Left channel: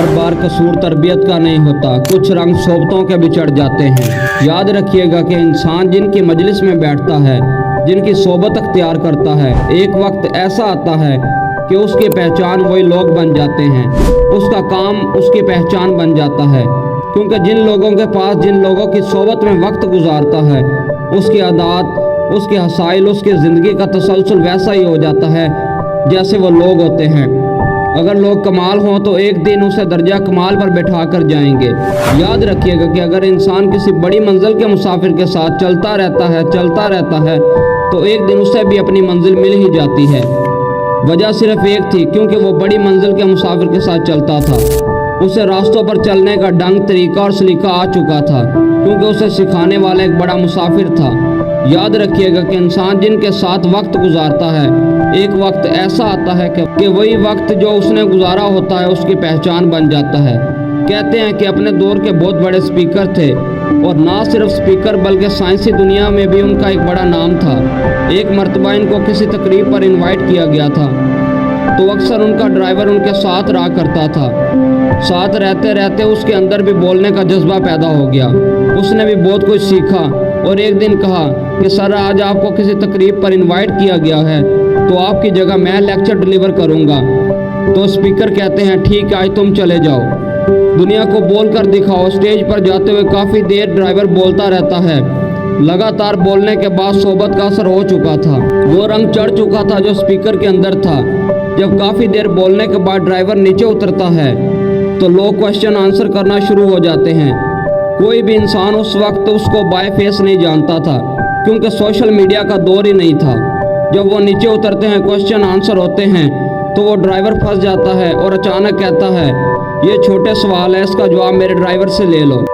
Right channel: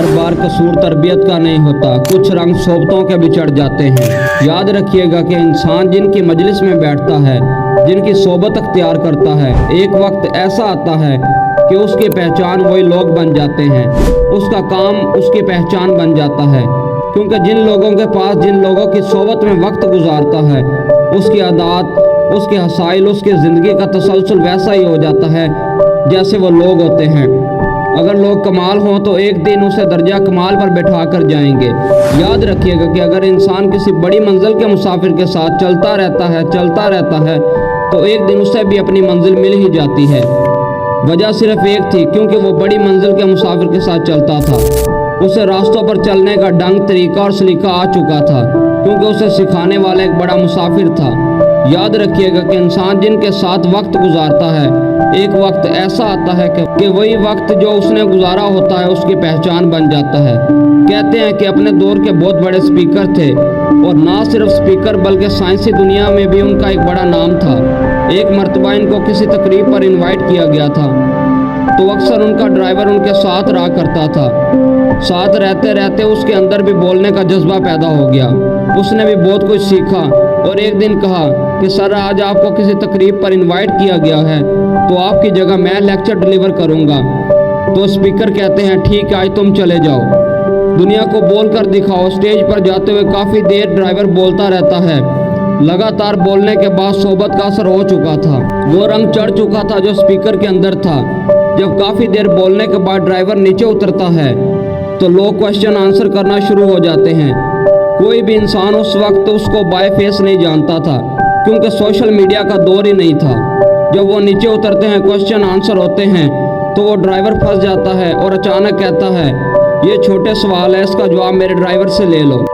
हर बार कसूर तरबियत का नहीं होता, कुछ रंग सोबतों के भी चढ़ जाते हैं। याद रखिएगा कि इंसान जिनकी मजलिस में बैठता है, जिनकी सोबत अख्तियार करता है, एक वक्त ऐसा आता है कि उसकी पहचान वही लोग बन जाते हैं, उसका काम उसकी पहचान बन जाता है। क्योंकि जिन लोगों के पास जिन लोगों की सोबत में वक्त गुजारता है, उसकी आदत, उसके हसाइल, उसकी ज़िंदगी का तसलसल वैसा ही हो जाता है जैसे वो लोग होते हैं। अगर लोग कमाल हों तो एक दिन उसे दर्जा कमाल पर बैठा कर जाएंगे। याद रखिएगा कि अगर इंसान किसी बड़ी मंजिल के मुसाफिर के साथ चलता रहता है तो एक दिन उसे भी अपनी मंजिल मिल ही जाती है। वजह सिर्फ एक थी, क्योंकि वो बड़ी मंजिल के मुसाफिर के साथ चलता था। उसे रास्तों पर चलने का ढंग, तरीका और सलीका आ चुका था, क्योंकि उसे सिखाने वाला एक बड़ा मुसाफिर था। याद रखिएगा कि इंसान जिनके साथ वक्त गुजारता है, एक वक्त ऐसा आता है कि वही वक्त जो उसने गुजारा होता है उसकी पहचान बन जाता है। कहते हैं कि अपने दौर के बहुत बड़े स्पीकर थे, और ना सिर्फ स्पीकर बल्कि साइंसी दुनिया में भी उनका एक बड़ा नाम था। एक मर्तबा इनको किसी तकरीब पर इनवाइट किया गया था, तो अक्सर उनका ड्राइवर उनके साथ रहा करता था। साथ रहते रहते उसके अंदर भी बोलने का जज्बा पैदा हो गया। उसने भी बहुत कुछ सीखा और एक दिन कहा कि सर, आज आपको किसी तकरीब पर इनवाइट किया गया है, तो आपकी जगह मैं लेक्चर डिलीवर करूंगा। तो स्पीकर कहते हैं, ठीक है, आज तुम चले जाओ, दुनिया को बोलकर दिखाओ। स्टेज पर जाते हुए काफ़ी देर ड्राइवर बोलता रहता है। लगातार बोलने के बाद सोबत का असर हो चुका था, वो रंग चढ़ चुका था जो स्पीकर के अंदर था। जब काफ़ी देर बोलने के बाद ड्राइवर नीचे उतरता है तो लोग क्वेश्चन आंसर करना शुरू हो जाते हैं। कोई भी इंसान उस वक्त उसको बाय फेस नहीं जानता था, क्योंकि सोशल मीडिया का दौर ही नहीं था। जब वो नीचे उतरते हैं, क्वेश्चन आंसर होते हैं, तो वो ड्राइवर फंस जाता है और अचानक कहता है, ये छोटे सवाल है, इसका जवाब मेरे ड्राइवर से ले लो।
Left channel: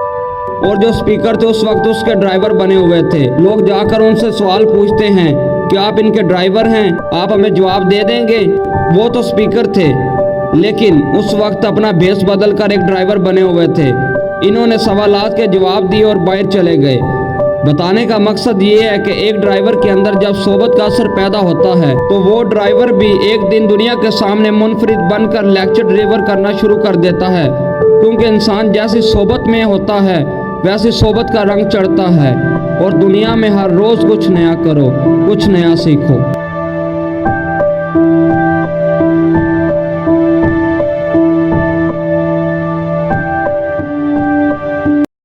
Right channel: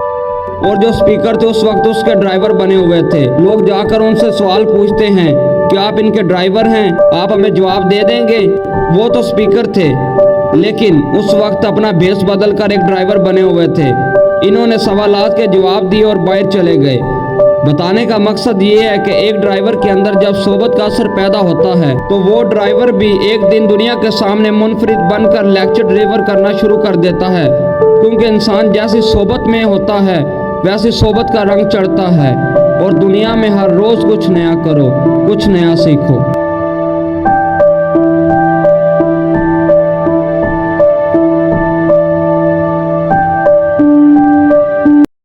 और जो स्पीकर थे उस वक्त उसके ड्राइवर बने हुए थे। लोग जाकर उनसे सवाल पूछते हैं कि आप इनके ड्राइवर हैं, आप हमें जवाब दे देंगे। वो तो स्पीकर थे, लेकिन उस वक्त अपना भेष बदल कर एक ड्राइवर बने हुए थे। इन्होंने सवालात के जवाब दिए और बाहर चले गए। बताने का मकसद ये है कि एक ड्राइवर के अंदर जब सोबत का असर पैदा होता है तो वो ड्राइवर भी एक दिन दुनिया के सामने मुनफरिद बनकर लेक्चर डिलीवर करना शुरू कर देता है। क्योंकि इंसान जैसी सोबत में होता है वैसी सोबत का रंग चढ़ता है। और दुनिया में हर रोज़ कुछ नया करो, कुछ नया सीखो।